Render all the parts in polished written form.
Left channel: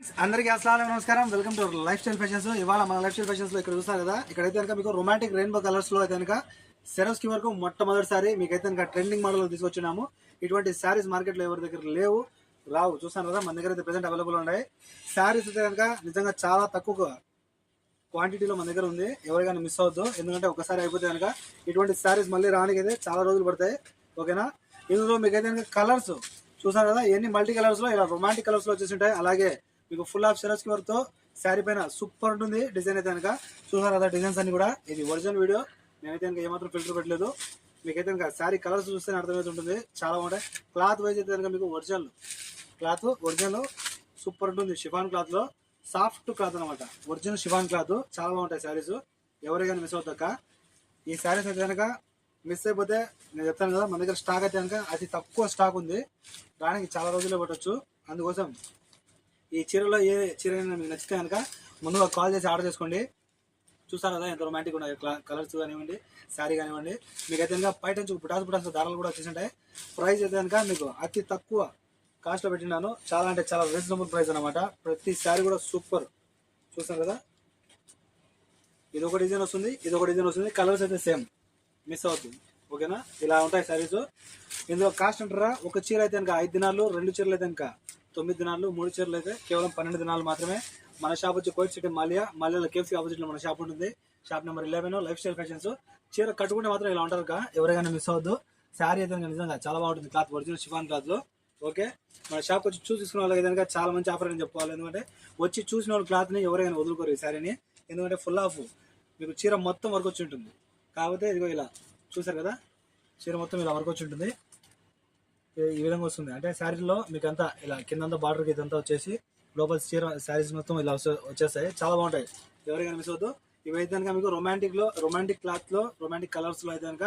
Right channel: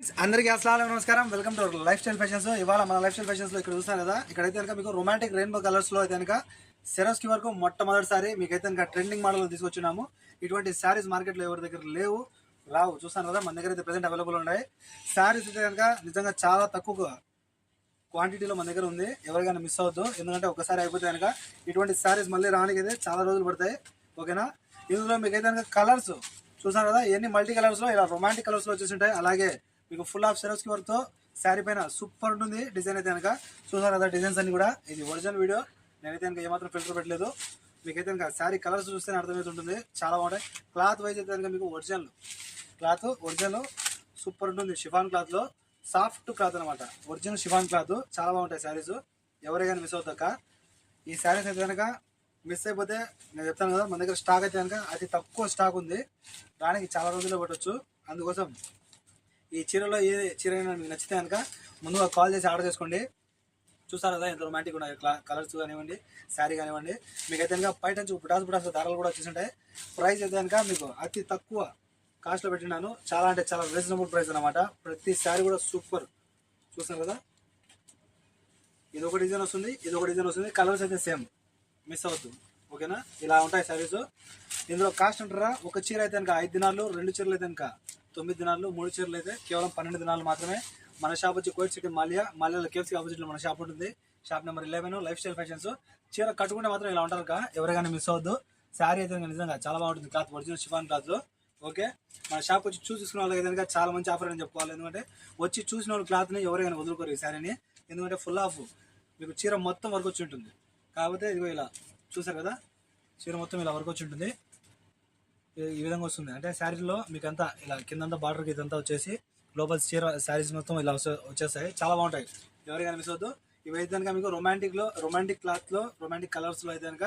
అందరికీ అస్సలాము నమస్కారం. Welcome to life style fashions. ఇవాళ మన లైఫ్ స్టైల్ ఫ్యాషన్స్ లో ఇక్కడ చూస్తారు కదా, ఇక్కడైతే కనుక మీకు రొమాంటిక్ రెయిన్బో కలర్స్ లో అయితే కనుక సెరస్కి వరకు మొట్టమొదటిసారి మీకైతే కనుక ట్రెండింగ్ మోడల్ తీసుకొచ్చినాము. ఇటువంటి శారీస్ మార్కెట్ లో ఎవరి దగ్గర రావు చూస్తాను కదా, మన దగ్గర అయితే ప్రెసెంట్ అవైలబుల్ ఉన్నాయి. శారీస్ అయితే కనుక నిజంగా చాలా తక్కువ క్వాంటిటీలో మన దగ్గర ఉంది. ఎవరికైనా మిస్ అవద్దు, ఎందుకంటే ఒకసారి అయిపోతే కనుక ఇటువంటి శారీస్ మళ్ళీ రానికి అయితే చాలా రోజులు పడతాయి. ఓకేనా, ఇందులో మీకైతే కనుక కలర్స్ చూసారు కదా, ఇవన్నీ మల్టీ కలర్స్ లో ఇలా రొమాంటిక్ కలర్స్ లో వచ్చేసి ఉంటాయి. అలాగే మీకు ఫుల్ ఆఫ్ సెరస్కి వర్క్ తో శారీ పైన సూపర్ ఉంటుంది డిజైన్ అయితే కనుక. చూసారు కదా డిజైన్స్ అన్ని కూడా, ఇది ఒరిజినల్ వీడియో, నేనైతే కనుక ఏమాత్రం ఫిల్టర్ పెట్టలేదు. మీకైతే కనుక శారీ కలర్స్ చూస్తేనే అర్థమవుతుంటుంది, చాలా బాగుంటాయి. క్లాత్ వైజ్ అయితే కనుక మీకు ఒరిజినల్ సూపర్ ఉంటుంది. షిఫాన్ క్లాత్ లో సాఫ్ట్ క్లాత్ అనమాట, ఒరిజినల్ షిఫాన్ క్లాత్, చాలా బాగుంటాయి శారీస్. ఎవరైనా మిస్ అవుతాక ఈ శారీస్ అయితే కనుక మిస్ అయిపోతే నేను చెప్తాను కదా, మన దగ్గర స్టాక్ అయితే కనుక అతి తక్కువ స్టాక్ ఉంది, రానికి చాలా రోజుల్లో పెట్టచ్చు. అందుకోసం ఈ చీరలో ఏ చీర అయినా మీకు నచ్చితే కనుక ముందుగా కాల్ చేసి ఆర్డర్ చేసుకోండి. చూస్తారు కదా ఎంత రొమాంటిక్ ఉన్నాయి కలర్స్ కానివ్వండి, శారీ కానివ్వండి. మీకైతే కనుక బయట నుంచి పుటాసు ధరలు కూడా వచ్చేసింటాయి. ప్రైస్ అయితే కనుక మీకు అతి తక్కువ కాస్ట్లో పెట్టినాను, చాలా అంటే చాలా రీజనబుల్ ప్రైస్ అనమాట. ప్రతి శారీ కూడా సూపర్. చూస్తారు కదా, ఇది ఒక డిజైన్ వస్తుంది, కలర్స్ అయితే సేమ్, మిస్ అవుతుంది. ఓకేనా, ఇలా ఉంటాయి శారీస్. ఇందులో కాస్ట్ అంటారా, ఒక చీర అయితే కనుక 5 దినాలు, 2 చీరలు అయితే కనుక 9 దినాలు, 3 చీరలు అయితే కేవలం 12 దినాలు మాత్రమే. మన షాప్ వచ్చి కోయిట్ సిటీ మాల్యాలో కేఎఫ్సీ ఆపోజిట్ లో మన షాప్ ఉంటుంది. Shop number 11 life style fashions. చీర కట్టుకుంటే మాత్రం ఇలా ఉంటారు కదా, ఎవరైనా మిస్ అవ్వద్దు. శారీ అయితే నిజంగా చాలా బాగుంటుంది, cloth original chiffon cloth. Okay, మన షాప్ వచ్చి చూసుకున్న వాళ్ళకి కనుక చాలా మంచి ఆఫర్ అని చెప్పుకోవాలి. ఎందుకంటే వచ్చి చూసిన వాళ్ళ క్లాత్ ని ఎవరైనా వదులుకోరు ఈ శారీని, ఎందుకంటే ఫుల్ ఆఫ్ మీకు చీర మొత్తం వర్క్ వచ్చి ఉంటుంది. కాకపోతే ఇదిగో ఇలా చూసారు కదా, చీర మొత్తం ఇలా వర్క్ వచ్చి ఉంటుంది. ఈ విధంగా వస్తుంది, అంటే శారీలో మీకు అంతా ఇలా కిందంతా బార్డర్కి ఇదంతా వచ్చేసి లోపల చీర శారీస్ మొత్తం ఇలా వచ్చేస్తాయి, చాలా బాగుంటాయి. ఎవరికైనా మిస్ అవుతుంది. ఇవైతే కనుక మీకు రొమాంటిక్ క్లాత్ లో, రొమాంటిక్ కలర్స్ లో అయితే కనుక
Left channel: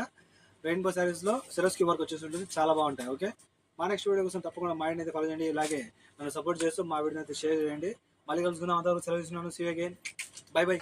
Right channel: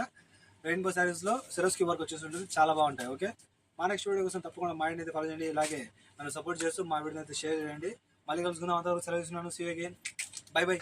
రెయిన్బో శారీస్ లో సెరస్కి వర్క్ వచ్చేసి ఉంటుంది, చాలా బాగుంటాయి. ఓకే, మా నెక్స్ట్ వీడియో కోసం తప్పకుండా మా వీడిని అయితే ఫాలో చేయండి. ఇలాగే నన్ను సపోర్ట్ చేస్తూ మా వీడిని అయితే షేర్ చేయండి. మళ్ళీ కలుసుకున్నాం, అంతవరకు సెలవు ఇస్తున్నాను. See you again, bye by.